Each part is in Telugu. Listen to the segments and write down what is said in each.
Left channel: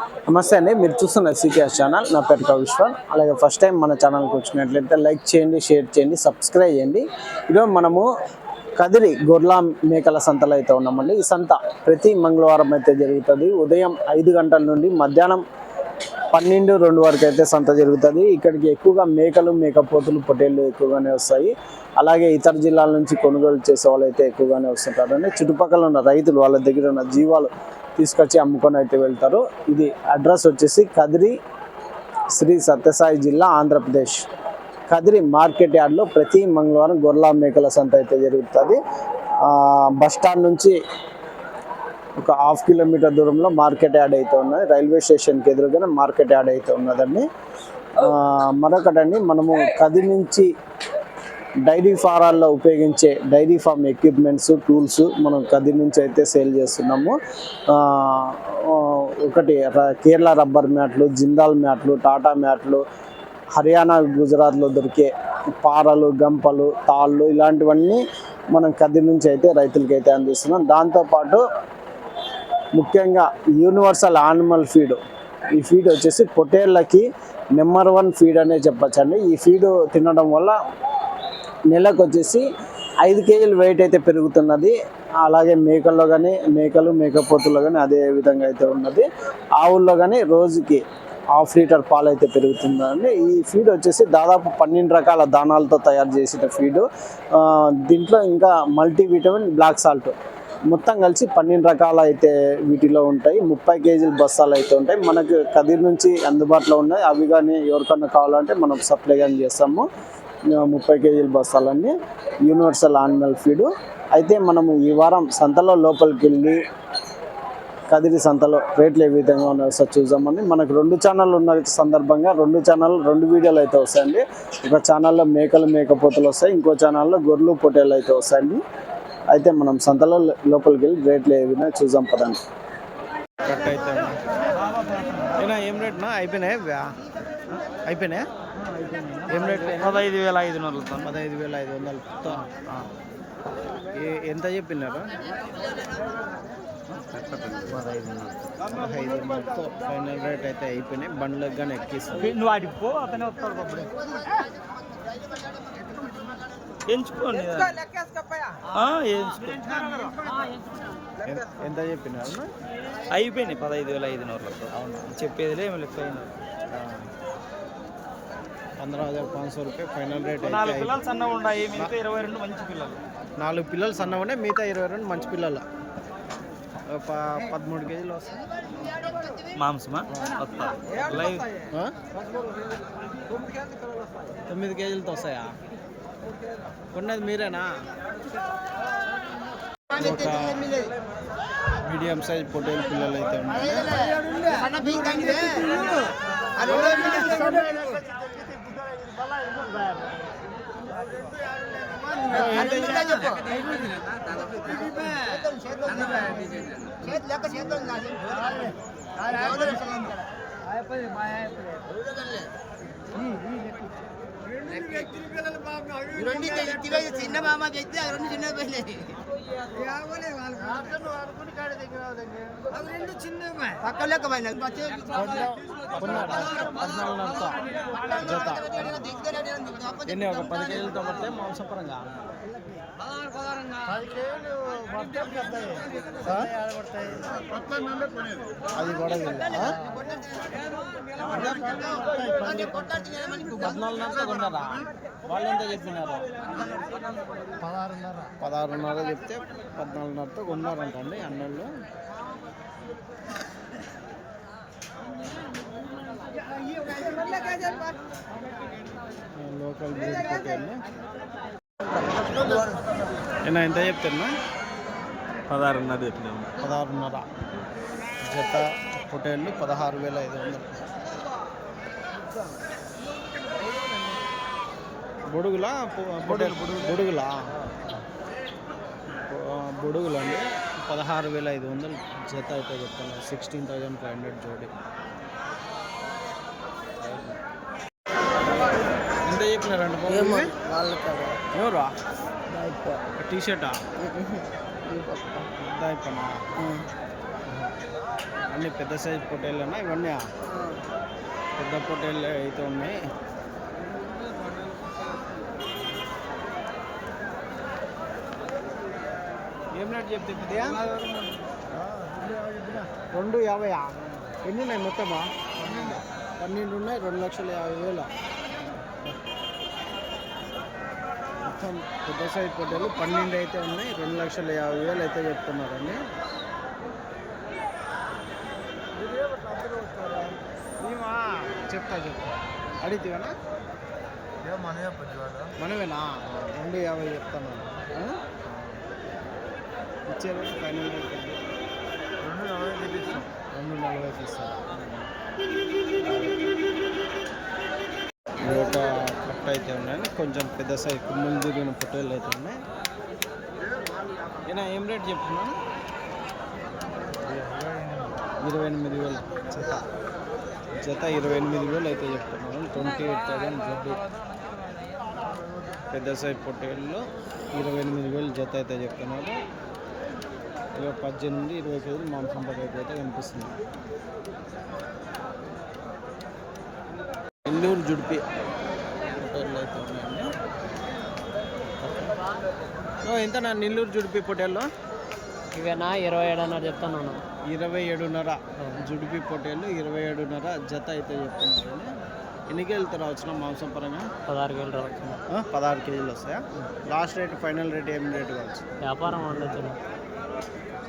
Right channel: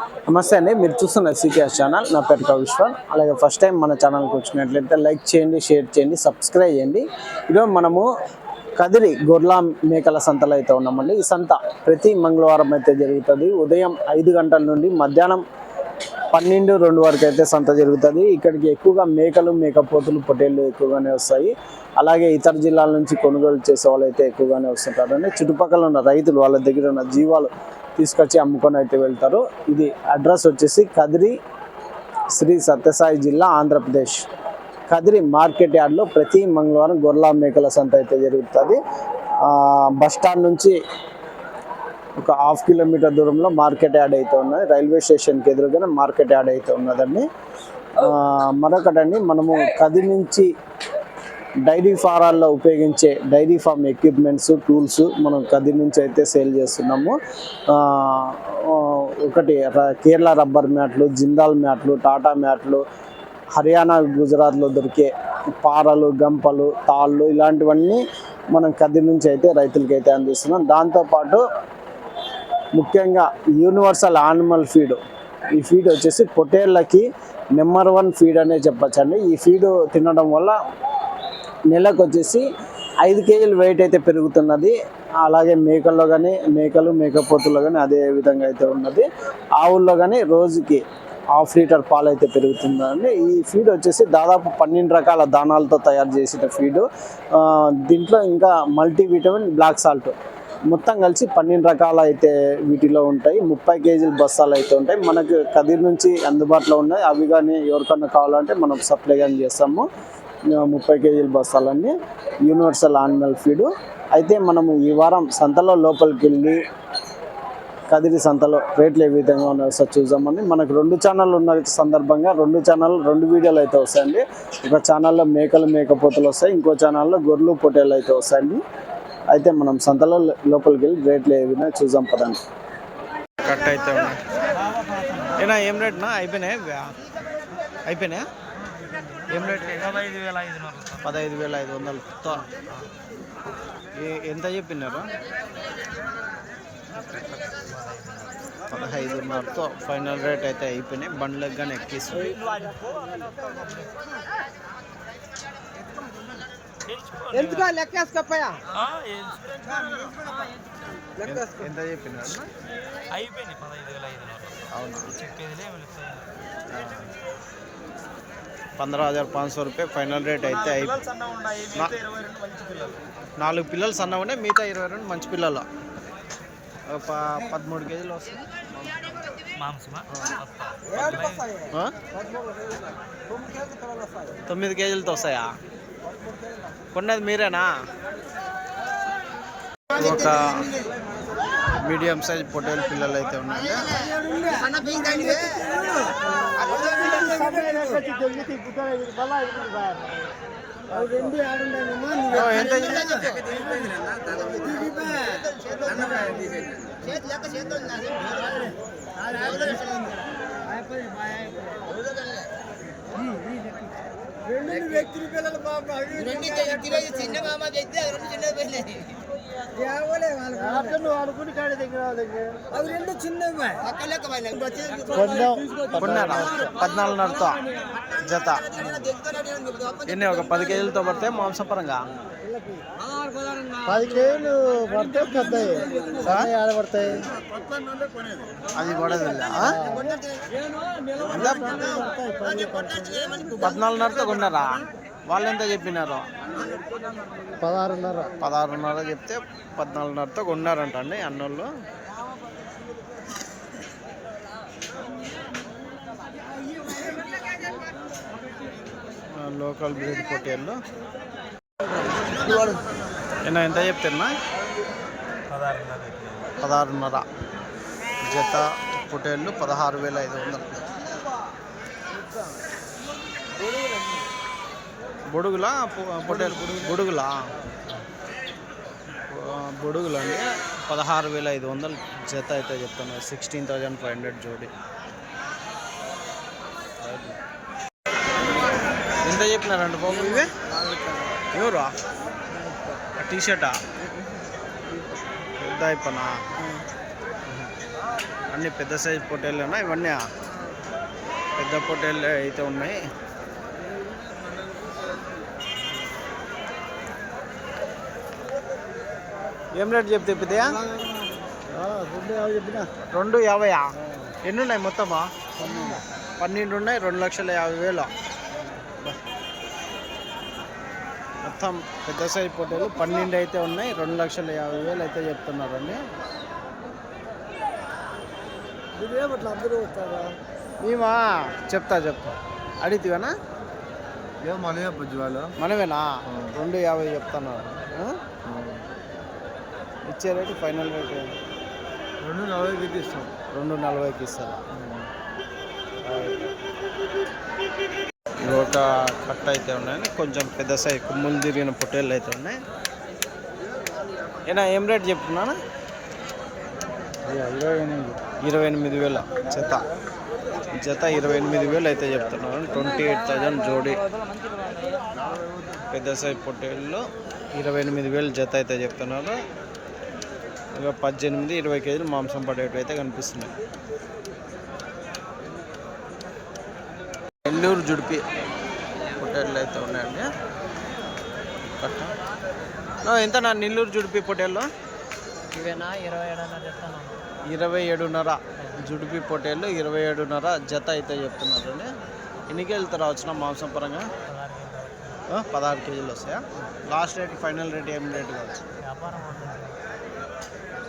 నమస్తే అండి, మీరు చూస్తున్న సికేఎస్ ఛానల్. నా పేరు కవిశ్వర్. అలాగే ఫస్ట్ టైం మన ఛానల్కి వచ్చినట్లయితే లైక్ చేయండి, షేర్ చేయండి, సబ్స్క్రైబ్ చేయండి. ఈరోజు మనము కదిరి గొర్ల మేకల సంతలో అయితే ఉన్నామండి. ఈ సంత ప్రతి మంగళవారం అయితే జరుగుతుంది. ఉదయం 5 గంటల నుండి మధ్యాహ్నం 12-2 వరకు అయితే సంత జరుగుతుంది. ఇక్కడికి ఎక్కువగా మేకలు, మేకపోతులు, పొట్టేళ్ళు ఎక్కువగానే వస్తాయి. అలాగే ఇతర జిల్లాల నుంచి కొనుగోలు చేసే వాళ్ళు అయితే ఎక్కువగానే వస్తుంటారు. అంటే చుట్టుపక్కల ఉన్న రైతులు వాళ్ళ దగ్గర ఉన్న జీవాలు తీసుకొచ్చి అమ్ముకొని అయితే వెళ్తారు. ఇది అడ్రస్ వచ్చేసి కదిరి, శ్రీ సత్యసాయి జిల్లా, ఆంధ్రప్రదేశ్. కదిరి మార్కెట్ యార్డ్లో ప్రతి మంగళవారం గొర్ల మేకల సంత అయితే జరుగుతుంది. బస్టాండ్ నుంచి ఒక 1/2 కిలోమీటర్ దూరంలో మార్కెట్ యార్డ్ అయితే ఉన్నది. రైల్వే స్టేషన్కి ఎదురుగానే మార్కెట్ యార్డ్ అయితే ఉన్నదండి. మరొకటండి, మనము కదిరి నుంచి డైరీ ఫారాల్లో ఉపయోగించే డైరీ ఫామ్ ఎక్విప్మెంట్స్, టూల్స్ మనం కదిరి నుంచి అయితే సేల్ చేస్తున్నాము. ఒకటి కేరళ రబ్బర్ మ్యాట్లు, జిందాల్ మ్యాట్లు, టాటా మ్యాట్లు, హర్యానా, గుజరాత్లో దొరికే పారలు, గంపలు, తాళ్ళు, ఇలాంటివన్నీ మనం కదిరి నుంచి అయితే రైతులకి అయితే అందిస్తున్నాం. దాంతోపాటు ముఖ్యంగా యూనివర్సల్ యానిమల్ ఫీడ్, ఈ ఫీడ్ వచ్చేసి పొట్టేళ్ళకి నెంబర్ 1 ఫీడ్ అనే చెప్పచ్చండి. ఈ ఫీడ్ తినడం వల్ల నెలకు వచ్చేసి 5 కేజీలు వెయిట్ అయితే పెరుగుతున్నది. అలాగే మేకల్లో కానీ, మేకపోతుల్లో కానీ అదే విధంగా అయితే ఉన్నది. ఆవుల్లో కానీ రోజుకి 1/2 లీటర్ పాలు అయితే పెరుగుతుందండి. ఈ ఫీడ్ వచ్చేసి దాదాపు 12 రకాల దానాలతో తయారు చేసిన ఫీడు. దీంట్లో ఇంకా మల్టీవిటమిన్, బ్లాక్ సాల్ట్ మొత్తం కలిసి 12 రకాలు అయితే వీటిలో ఉంటాయి. 30 కేజీల బస్తాలు అయితే ఉంటాయి. మనకు కదిరి నుంచి అందుబాటులో ఉన్నాయి. అవి కానీ ఎవరికన్నా కావాలంటే మనం సప్లై కానీ చేస్తాము. 30 కేజీల బస్తాలన్నీ యూనివర్సల్ యానిమల్ ఫీడు. అయితే మనము ఈ వారం సంతలో లోపలికి వెళ్ళి కదిరి సంతలో రేట్లు ఏ విధంగా ఉన్నాయో సార్ చూద్దామని. మనకు 2 ఛానళ్ళు ఉన్న సందర్భంగా 2 ఛానల్ 2 వీడియోలు అయితే వస్తాయండి. ఒక ఛానల్లో మేకలు, మేకపోతులు వస్తాయి, ఇంకో ఛానల్లో గొర్రెలు, పొట్టేళ్ళు అయితే వస్తాయండి. అయితే మనం సంతలో లోపలికి వెళ్ళి రేట్లు ఏ విధంగా చూద్దాం పదండి. కట్ అయితే ఉన్నాయి. ఏనా ఏం రేట్నా? అయిపోయినాయా? ఏం రేట్లు? 15,500. ఎంత చెప్పినారు? 15,500తో ఫైనల్ రేట్ అయితే అయిపోయినాయి. బండ్లకు కానీ ఎక్కిస్తుంది. ఎంత చెప్పినారు? అయిపోయినాయి 15,500. అవునా? చెప్పేదిలే 15,500 రూపాయ ఫైనల్ రేట్ అయితే అయిపోయింది. 4 పిల్లలు సన్నగా ఉండే, మిగతా 22 మంచి పిల్లలు. 13 కేజీలు వస్తాయి మాంసమా? 9 కేజీలతో వస్తాయా? కొన్నది మీరేనా? ఒక మీడియం సైజ్ పొట్టేలు పిల్లలు అయితే ఉన్నాయండి. చిన్న మామ చెప్తే అది 2 చిన్న పెళ్ళి అవి 2 చిన్నవి పక్క లెక్క కొన్నారా? 14,500తో జత. ఎన్ని? ఒక 10 కేజీలతో పడితే మాంసపరంగా 10 కేజీలు పడితే పెద్దవి పడతాయి. అది పడదు. 14,500తో కొన్నారా? వాళ్ళు ఎంత చెప్పినారు? 16,500 చెప్తే 14,500తో కొన్నారంట అండి అన్నోళ్ళు. లోకల్ బ్రీడ్ పొట్టేళ్ళు. ఎంత చెప్తున్నా? 16,500 జత పొట్టేళ్ళు 16,500. బొడుగులా పొట్టేలు? బొడుగులు అండి. 16,500 జత అయితే చెప్తున్నారు. 16,500 జోడి. ఎంత చెప్పినారంట బాబు ఇవి? ఎవరు? టీ షర్టా? పెద్ద అయిపోనా? అన్ని పెద్ద సైజు పొట్టేళ్ళేనా ఇవన్నీ? పెద్ద పొట్టేళ్ళు అయితే ఉన్నాయి. ఏం రేట్ చెప్తే పెద్దయా? 250. ఎన్ని ఉన్నాయి మొత్తమా? 12 ఉన్నాయి. 2,50,000. మొత్తం పెద్ద సైజు పొట్టేలు 12 అయితే ఉన్నాయి. 2,50,000 అయితే చెప్తున్నారు అండి. మేమా చెప్తా అడిగితేనా? మనమేనా? 250 చెప్తున్నారు. ఇచ్చే రేటు ఫైనల్ రేట్ 240కి ఇస్తారా? ఇవి ఒక కట్ట అయితే ఉన్నాయని కొంచెం పెద్ద సైజు కుమ్ములు తిరిగిన పొట్టేళ్ళు అయితే ఉన్నాయి. ఏనా ఏం రేట్ చెప్తున్నాను? 28,000 జత. 28,000 అయితే చెప్తున్నాను. 28,000 జోడి పెద్ద సైజు పొట్టేళ్ళు 28,000 జత అయితే చెప్తున్నారు. ఇక 18-20 కేజీలు మాంసం పడేవి అయితే కనిపిస్తున్నాయి. నెల్లూరు జుడిపి పొట్టేళ్ళు అయితే ఉన్నాయండి. కట్ట ఎంత నా నెల్లూరు జుడిపి పొట్టేళ్ళు? ఇవేనా 27 చెప్తాను. 27.5 జుడిపి పొట్టేళ్ళు 27.5 జత అయితే చెప్తున్నారు అండి. ఎన్ని కేజీలతో రావచ్చునా మాంసం పరంగా? 16 కేజీలు. 16 కేజీలు వస్తాయా? లాస్ట్ రేట్ ఫైనల్ రేట్ ఏం రేటు కావచ్చు? వ్యాపారం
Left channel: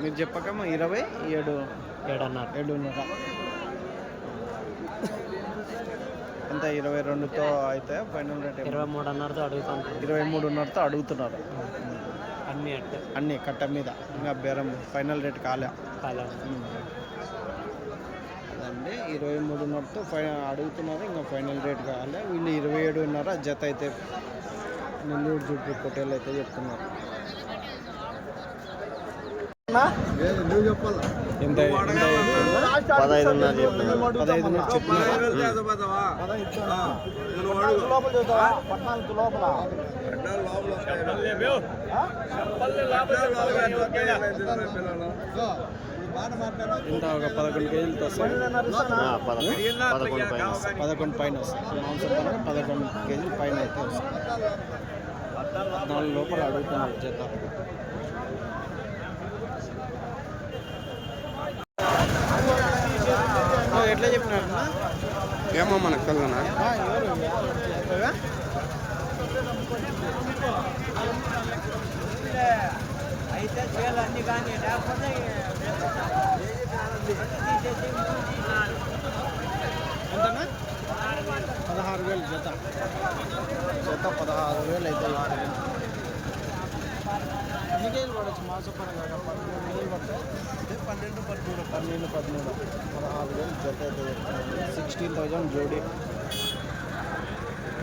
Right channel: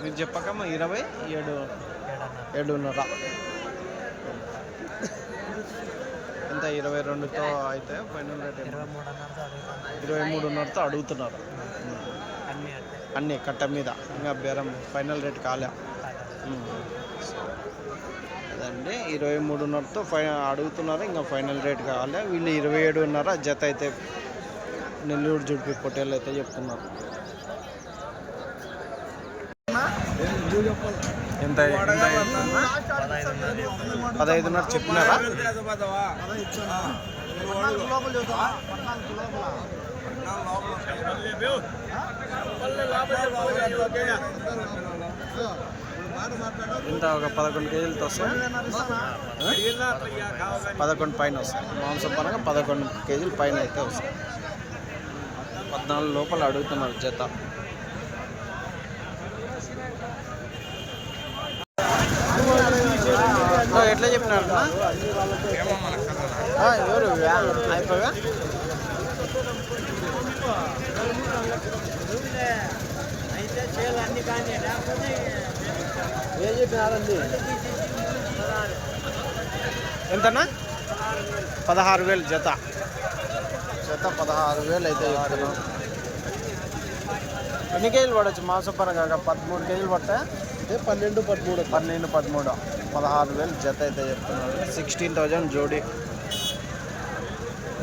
మీరు చెప్పకమ్మా 27.5 ఎంత? 22తో అయితే ఫైనల్ రేట్ 23.5తో అడుగుతున్నారు. అన్నీ కట్ట మీద ఇంకా బేరం ఫైనల్ రేట్ కాలే. అదండి 23.5తో అడుగుతున్నారు. ఇంకా ఫైనల్ రేట్ కాలే. వీళ్ళు 27.5 జత అయితే నెల్లూరు జుడిపి పొట్టేళ్ళు అయితే చెప్తున్నారు. ఎంత 15.5 చెప్పినారా? ఇంత ఒక 11 కేజీలతో వస్తాయి. 11 పైన వస్తాయి. మాంసం పరంగా 11 కేజీల పైన అయితే వస్తాయి. 14 లోపల అడుగుతున్నారు జత. ఎట్లా చెప్పినారన్నా? ఎవరు అయిపోయా? ఎంతన్నా? 16,000 జత. 16,000 అయితే చెప్తున్నాం. ఎన్ని కేజీలు పడవచ్చు మాంసం పరంగా? 13 కేజీలు పడతాయా? 12, 13. 16,000 జత అయితే చెప్తున్నారు. 16,000 జోడి.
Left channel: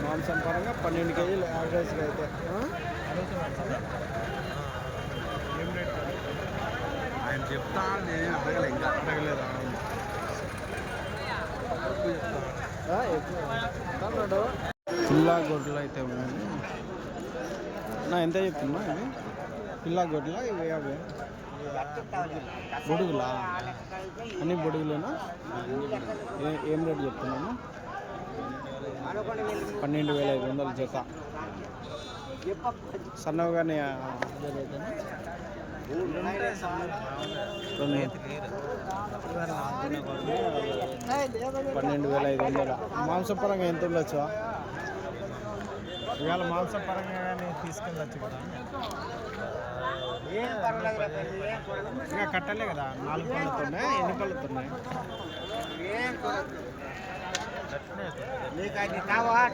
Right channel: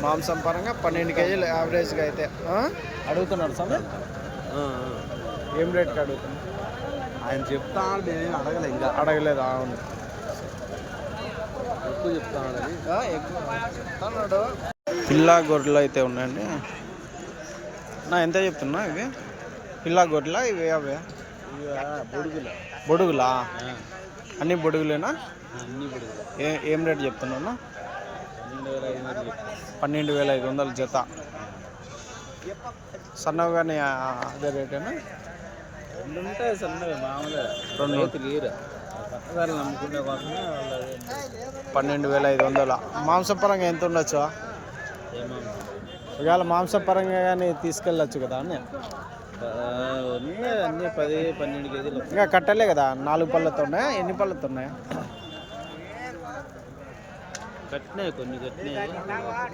మాంసం పరంగా 12 కేజీలు యావరేజ్గా అయితే అడుగుతున్నారు. సమయం ఏం రేట్కి అడుగుతున్నారు? ఆయన చెప్తాడు, నేను అడగలేదు. అవును ఎక్కువ చెప్తాడు. పిల్లా గొర్రెలు అయితే ఉన్నాయండి. ఎంత చెప్తున్నా ఇవి? పిల్లా గొర్రెలా ఇవి? అవే బొడుగులా? అన్ని బొడుగులేనా? ఏం రేట్ చెప్తున్నా? 12,500 జత. సన్నగానే అదే రేటేనా? 12,500. మాంసం పరంగా ఎంత ఉండొచ్చు? ఇవాళ మాంసం పరంగా కానీ తీసుకెళ్ళచ్చు కదా అని. అన్ని 10-12 కేజీలు ఇంకా కట్టలే కదా? 4 పళ్ళతో ఉన్నాయా? ఎన్ని పళ్ళతో ఉన్నాయా?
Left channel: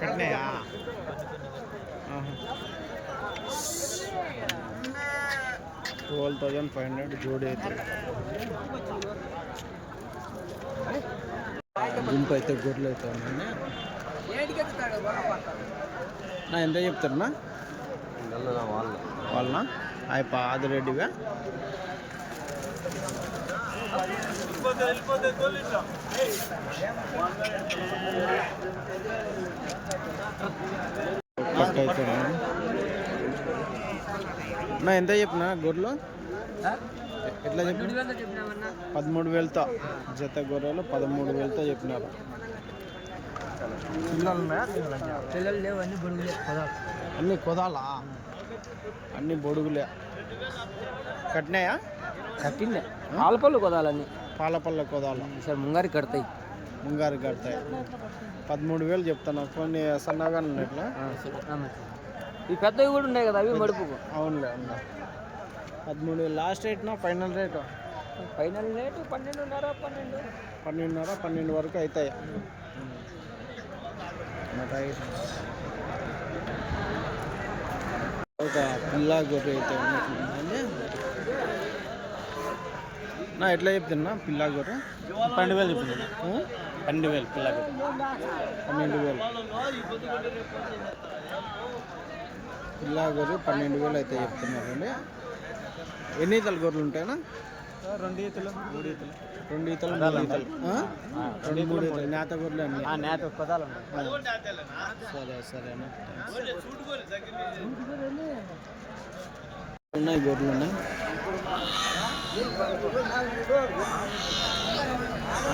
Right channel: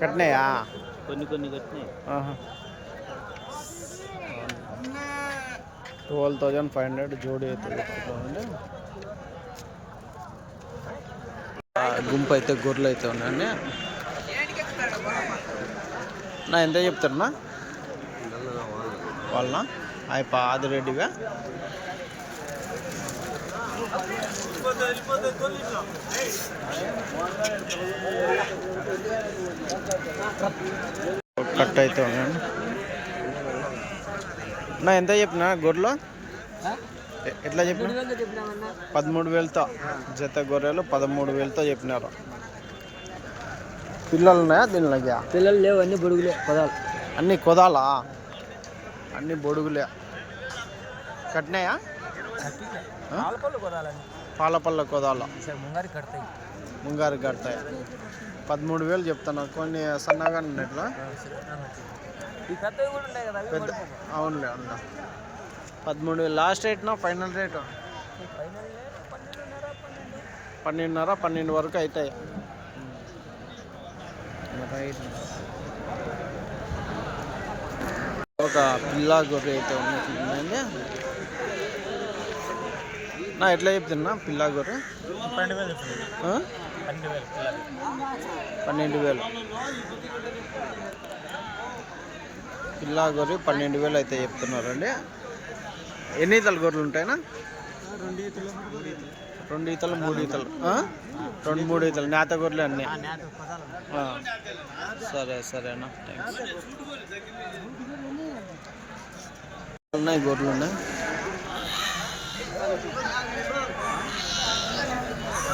కట్టినాయా? కొన్ని కట్టినాయి. 12,500 జోడి అయితే చెప్తారండి. గుంపు అయితే గొర్రెలు అయితే ఉన్నాయండి. నా ఎంత చెప్తారన్నా వాళ్ళ? ఆదిరెడ్డివా? కట్ అయితే ఉన్నాయండి. నా ఎంత చెప్పినా గొర్రెలు? ఎట్లా చెప్పిన? 13,000తో జత గొర్రెలు 13,000తో చెప్పినారు. పిల్లలు ఉన్నాయా దీనిలోకి? పిల్లలు లేవు, అన్ని బుడుగులే పదాలు. అన్నీ కొదాలా? అన్నీ బొడుగులే. కట్టినాయా? కట్టింది పాలపళ్ళు కొదాలని. పాలపల్ల కొదాల ముంగారి కడతాయి. ముంగారు కడతాయి. 13,000 చెప్తాను. కొన్ని సన్నగా ఉన్నట్లా. ఈ పెద్దవి కూడా ఉన్నాయి కదా, అవి మడుపుకు. అవునులే 13,000 లాస్ట్ రేట్నా? ఫైనల్ రేటు ఫైనల్ రేటు 12.5, 12.5, 12 వరకు అవుతాయి. రైట్. ఒక పిల్ల గొర్రె అయితే ఉన్నట్లుందండి. నా ఎట్లా చెప్తున్నా పిల్ల గొర్రె? 12,000 చెప్తున్నాడు. 12,000 పిల్లలు. 12,000 పిల్ల గొర్రె 12,000 అయితే చెప్తున్నారండి. ఎన్ని ఈతలు గొర్రెలు ఉంటాయినా? 2 ఈతలు, 3 ఈతలు. 2 ఈతలు, 3 ఈతలు, 2-3 ఈతలు నేత గొర్రెలు అన్నీ. నేత పదాలు. సరేనా, థ్యాంక్స్. ఉన్నాయి గొర్రెలు ఉన్నాయి.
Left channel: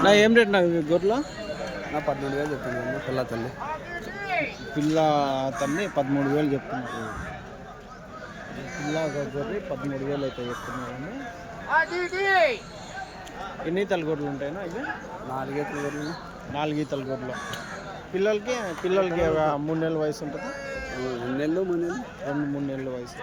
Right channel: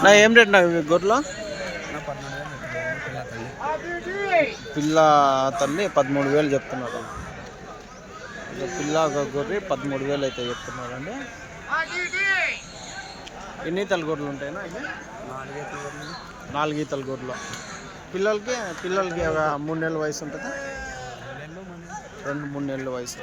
నా ఏం రేట్ నా గొర్రెలు? 12,000 చెప్తున్నాను. పిల్ల తల్లి. పిల్ల తల్లి 13,000 చెప్తున్నారు. ఇక పిల్ల ఒక గొర్రె 13,000 అయితే చెప్తున్నారండి. ఎన్ని ఈతల గొర్రెలు ఉంటాయినా? ఇది 4 ఈతల గొర్రెలు. పిల్లలకి ఒక 3 నెలల వయసు ఉంటుందా? 2-3 నెలల వయసు.